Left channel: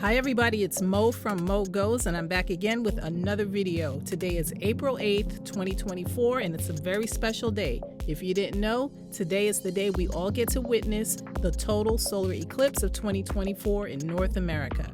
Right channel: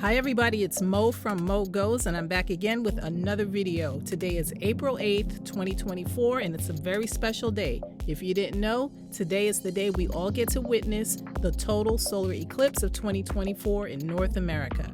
Hi everybody, it's Mo from Mo Goes, and I'm back again with another video. Today is April 8th, 2024, and it's a very special day. If you didn't know, today is the day we all get to witness the total solar eclipse of 2024 in North America.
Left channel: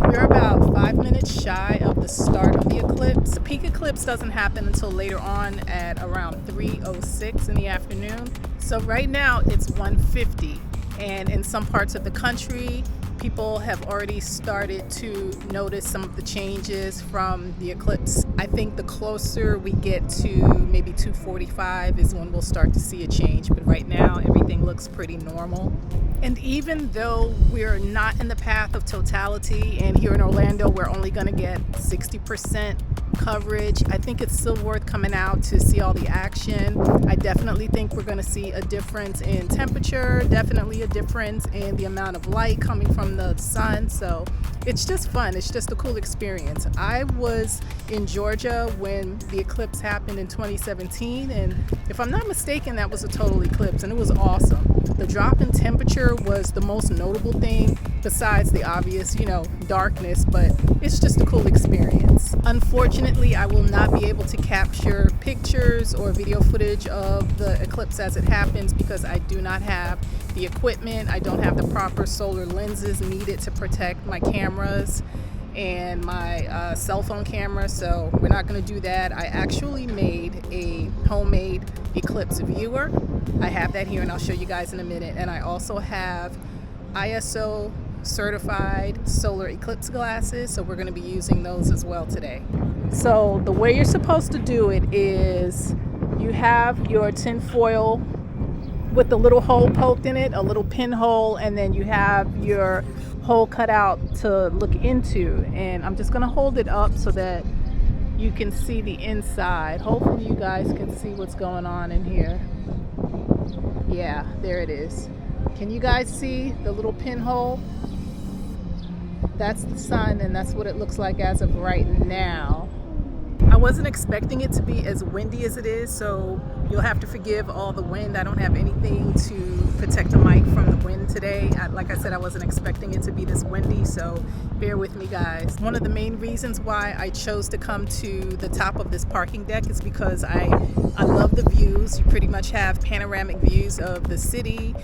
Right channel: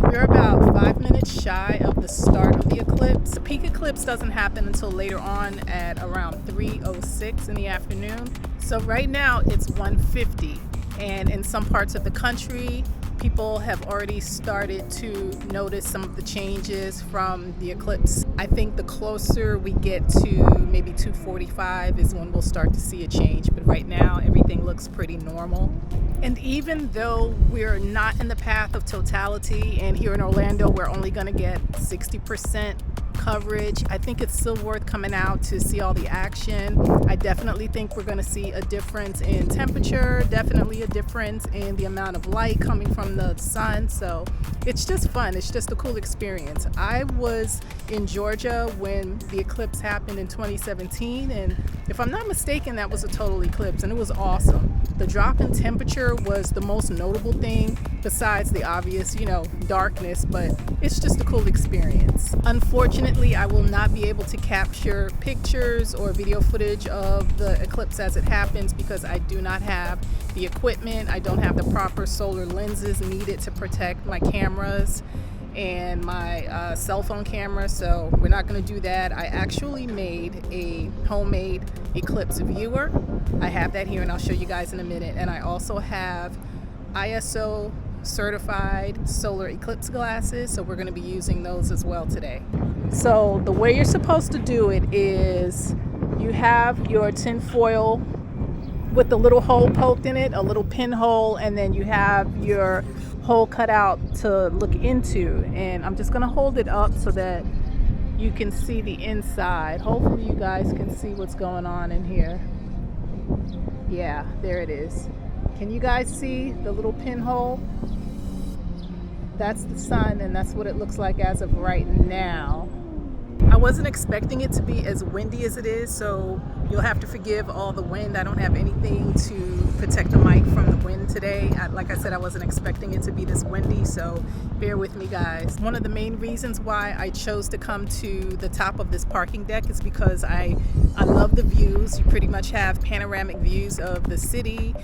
We're about 5 minutes shy of the start of the eclipse. The peak eclipse doesn't happen until later on at around 3:06 in the afternoon. So right now it's 1:50, and in some parts of the country, people have already started to notice some of the changes from the eclipse. I think the closer we get to maybe 2:45 is when we'll start to see a change, but right now everything looks pretty normal. And even though we're not in the path of totality, and here in Orlando we're only going to get 60% coverage, I think it's still worth coming out to see all the action. I definitely think we're going to see a difference in temperature, definitely a difference in the amount of light coming from the sun. So it's just fun. It's just a cool experience. I was in Georgia when the eclipse happened in 2017, and if I'm not mistaken, that was a total eclipse, and it was awesome. The drop in temperature was the most notable thing besides the obvious, darkness, but it's just a cool experience. Unfortunately, I will not be able to capture pictures or video footage of the eclipse as it happens because I do not have the equipment. I don't have the proper solar lenses needed to protect my cameras and my cell phone camera, so we're not going to do that. I actually made a homemade eclipse viewer. I have that here and I'll show you guys in a minute. And I also have ISO certified solar eclipse glasses, so we're going to be using those as well today. So the way you're supposed to do it is you have your tin foil with a little hole poked in it, a little pinhole, and then you have your hole cut out to look into, and I'm just going to hold it up so that you can see the inside. Hopefully you guys can see what's going on in here. Yeah, there it is. Can you guys see the little pinhole? That's the sun, and that's what it looks like as of right now. I wasn't expecting it to be as windy as it is, so you'll have to forgive all the wind. I don't have anything to protect the mic from the wind today. Like I said, I wasn't expecting it to be this windy, so bear with me, guys. One of the main reasons why I chose to come to the top of this parking deck is because I love the views. You pretty much have panoramic views of the city.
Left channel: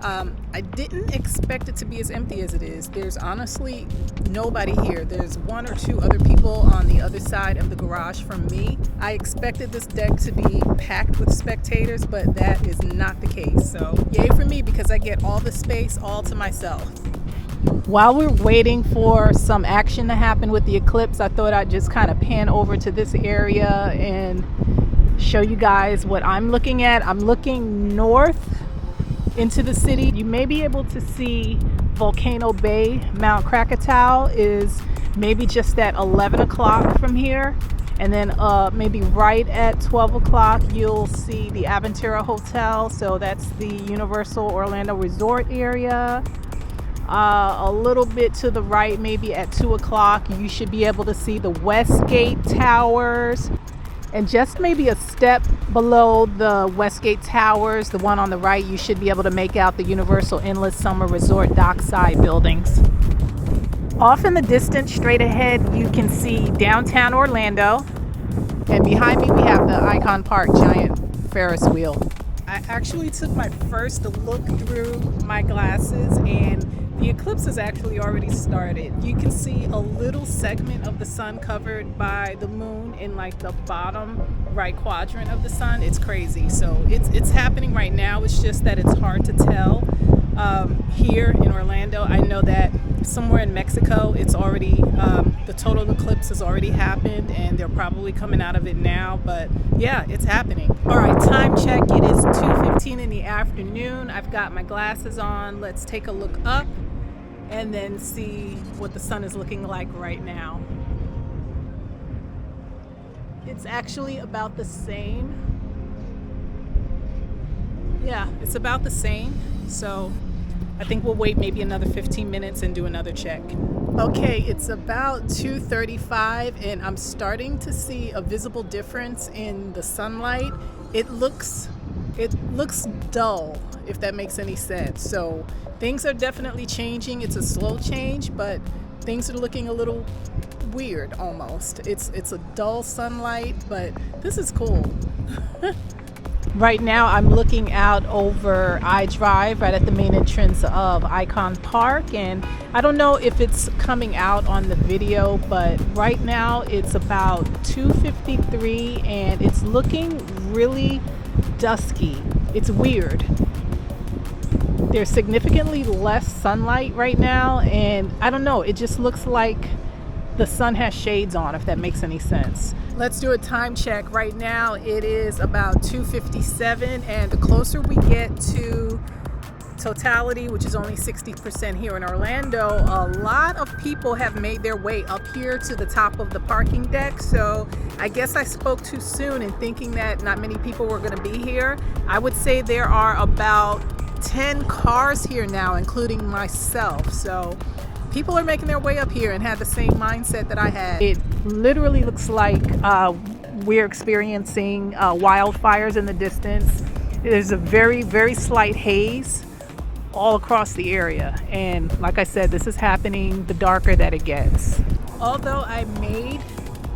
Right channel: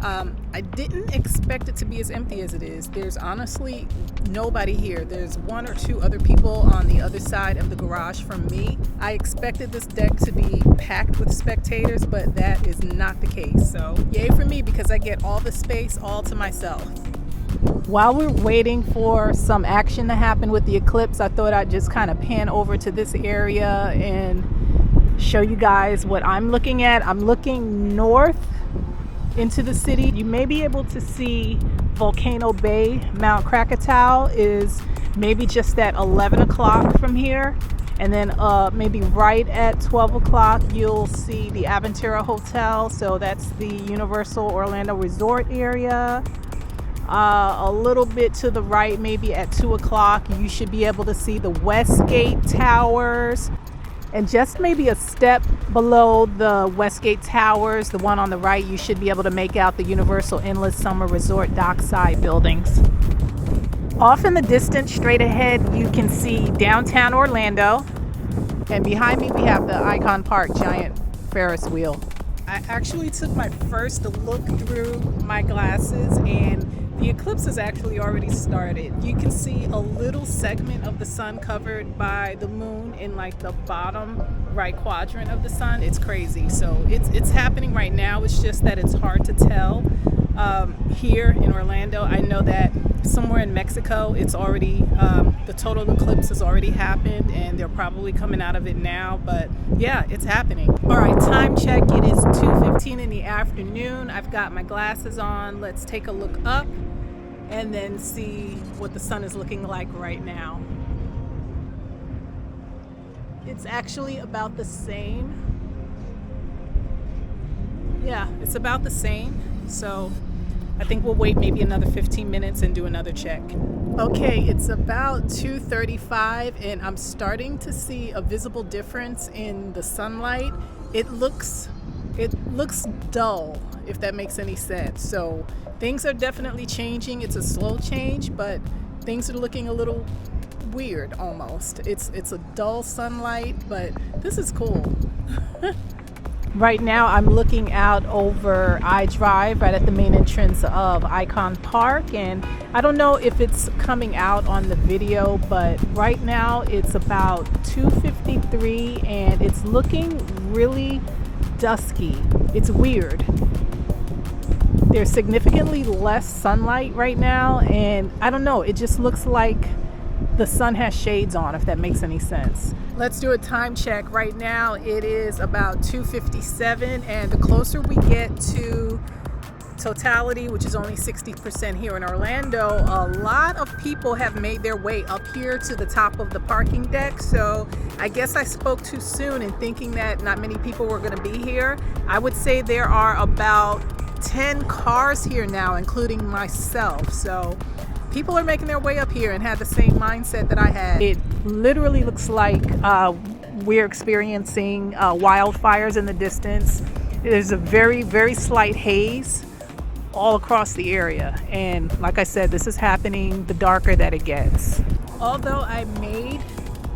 I didn't expect it to be as empty as it is. There's honestly nobody here. There's one or two other people on the other side of the garage from me. I expected this deck to be packed with spectators, but that is not the case. So yay for me, because I get all the space all to myself. While we're waiting for some action to happen with the eclipse, I thought I'd just kind of pan over to this area and show you guys what I'm looking at. I'm looking north into the city. You may be able to see Volcano Bay. Mount Krakatoa is maybe just at 11 o'clock from here, and then maybe right at 12 o'clock you'll see the Aventura Hotel, so that's the Universal Orlando Resort area. A little bit to the right, maybe at 2 o'clock, you should be able to see the Westgate Towers. And just maybe a step below the Westgate Towers, the one on the right, you should be able to make out the Universal Endless Summer Resort dockside buildings. Off in the distance, straight ahead, you can see downtown Orlando. And behind me, we have the Icon Park giant Ferris wheel. I actually took my first look through my glasses, and the eclipse has actually already started. You can see a little segment of the sun covered by the moon in like the bottom right quadrant of the sun. It's crazy. So it's happening right now. It's just that it's hard to tell here in Orlando. I know that somewhere in Mexico it's already the total eclipse has already happened, and they're probably coming out of it now, but yeah, it's happening. All right, time check. It is 2:15 in the afternoon. I've got my glasses on. Let's take a look up and then see what the sun is looking like right now. It's actually about the same. Yeah, it's about the same. So I think we'll wait maybe another 15 minutes and do another check. Okay, it's about 2:35 and I'm starting to see a visible difference in the sunlight. It looks dull, if that makes any sense. So things are definitely changing. It's a slow change, but things are looking a little weird almost. It's a dull sunlight, but this is cool. Right now I'm looking out over I-Drive right at the main entrance of Icon Park, and I don't know if it's coming out on the video, but right now it's about 2:53 and it's looking really dusky. It's weird. There's significantly less sunlight right now, and I don't know, it just looks like the sun has shades on, if that makes any sense. Let's do a time check. Right now it is about 2:57, and the closer we get to totality, which is only 60% here in Orlando, a lot of people have made their way up here to the top of the parking deck. So I guess I spoke too soon in thinking that not many people were going to be here. I would say there are about 10 cars here now, including myself. So people are making their way up here and had the same mindset that I had. It literally looks like we're experiencing wildfires in the distance. There's a very, very slight haze all across the area. And like I said, this is happening the darker that it gets. Although I made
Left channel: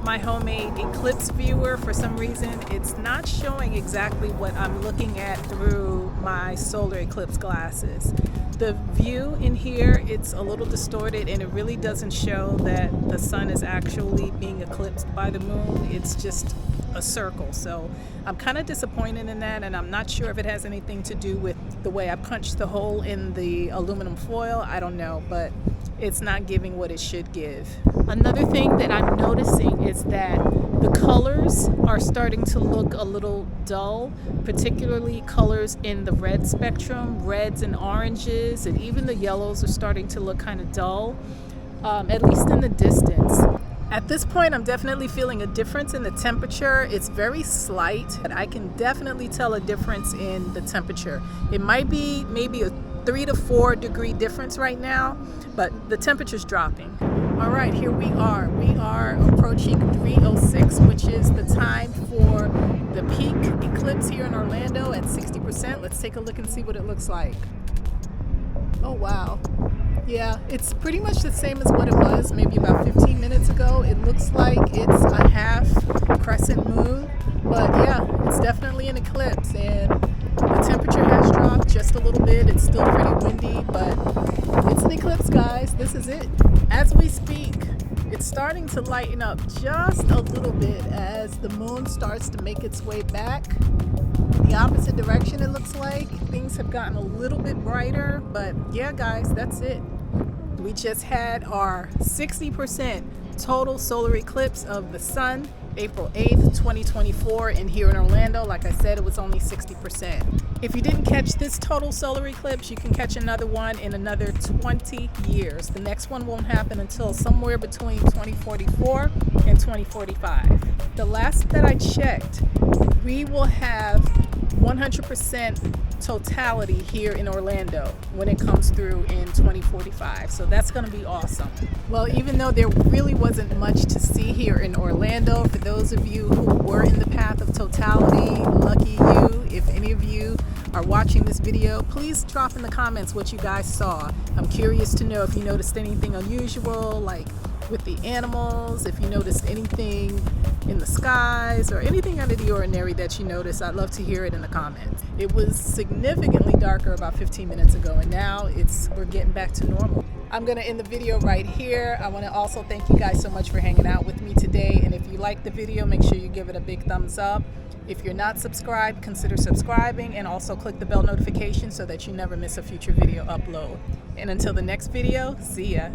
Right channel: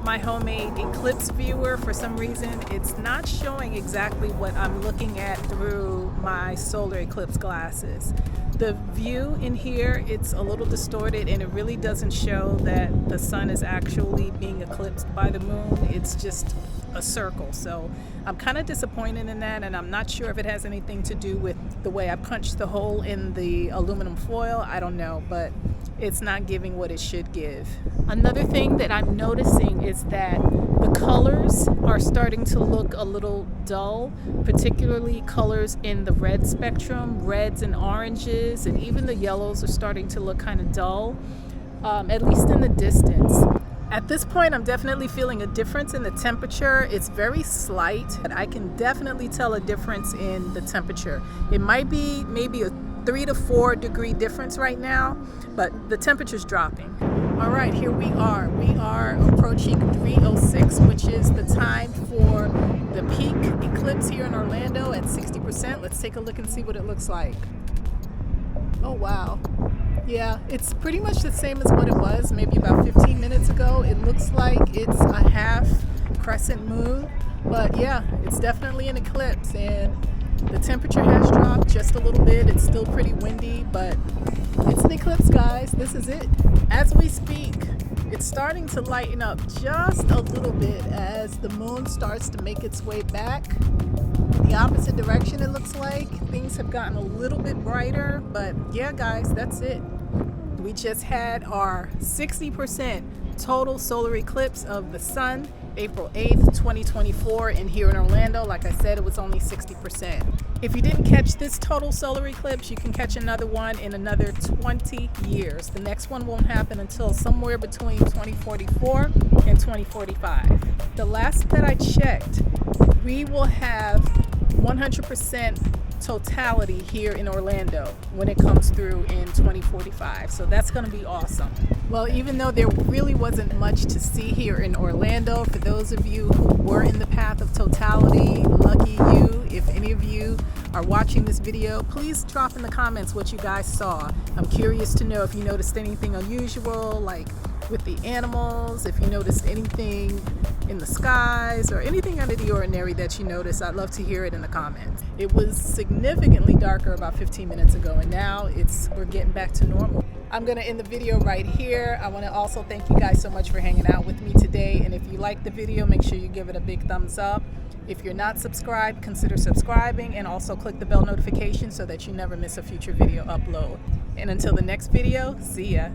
my homemade Eclipse viewer, for some reason it's not showing exactly what I'm looking at through my solar eclipse glasses. The view in here, it's a little distorted and it really doesn't show that the sun is actually being eclipsed by the moon. It's just a circle. So I'm kind of disappointed in that, and I'm not sure if it has anything to do with the way I punched the hole in the aluminum foil. I don't know, but it's not giving what it should give. Another thing that I'm noticing is that the colors are starting to look a little dull, particularly colors in the red spectrum, reds and oranges, and even the yellows are starting to look kind of dull, at least in the distance. At this point, I'm definitely feeling a difference in the temperature. It's very slight, but I can definitely tell a difference in the temperature. It might be maybe a 3 to 4 degree difference right now, but the temperature's dropping. All right, here we are. We are approaching 3:06, which is the time for the peak eclipse here in Orlando at 60%. Let's take a look and see what it looks like. Oh, wow. Yeah, it's pretty much the same as what it was maybe about 15 minutes ago. It looks like it's a half crescent moon, but yeah, it's definitely an eclipse, and the temperature has dropped just a little bit. It's still pretty windy, but it's an eclipse, guys. This is it. As we speak, it's starting to lighten up just a little bit as the moon starts to make its way back the opposite direction. It looks like things have gotten a little bit brighter, but yeah, guys, that's it. We just had our 60% total solar eclipse of the sun, April 8th, 2024, and here in Orlando, like I said, it was only 60%. If you didn't catch this total solar eclipse, you can catch another one in another 20 years. The next one won't happen until somewhere between 2044 and 2045. The last that I checked, we will have 100% totality here in Orlando when it comes through in 2045. So that's going to be awesome. Well, even though there really wasn't much to see here in Orlando, for those of you who were in the path of totality, lucky you. If any of you are watching this video, please drop in the comments what you guys saw. I'm curious to know if you noticed anything unusual, like with the animals, if you noticed anything in the skies or anything out of the ordinary that you noticed. I'd love to hear it in the comments. It was significantly darker about 15 minutes ago, and now we're getting back to normal. I'm going to end the video right here. I want to also thank you guys so much for hanging out with me today, and if you liked the video, make sure you give it a big thumbs up. If you're not subscribed, consider subscribing, and also click the bell notification so that you never miss a future video upload. And until the next video, see ya.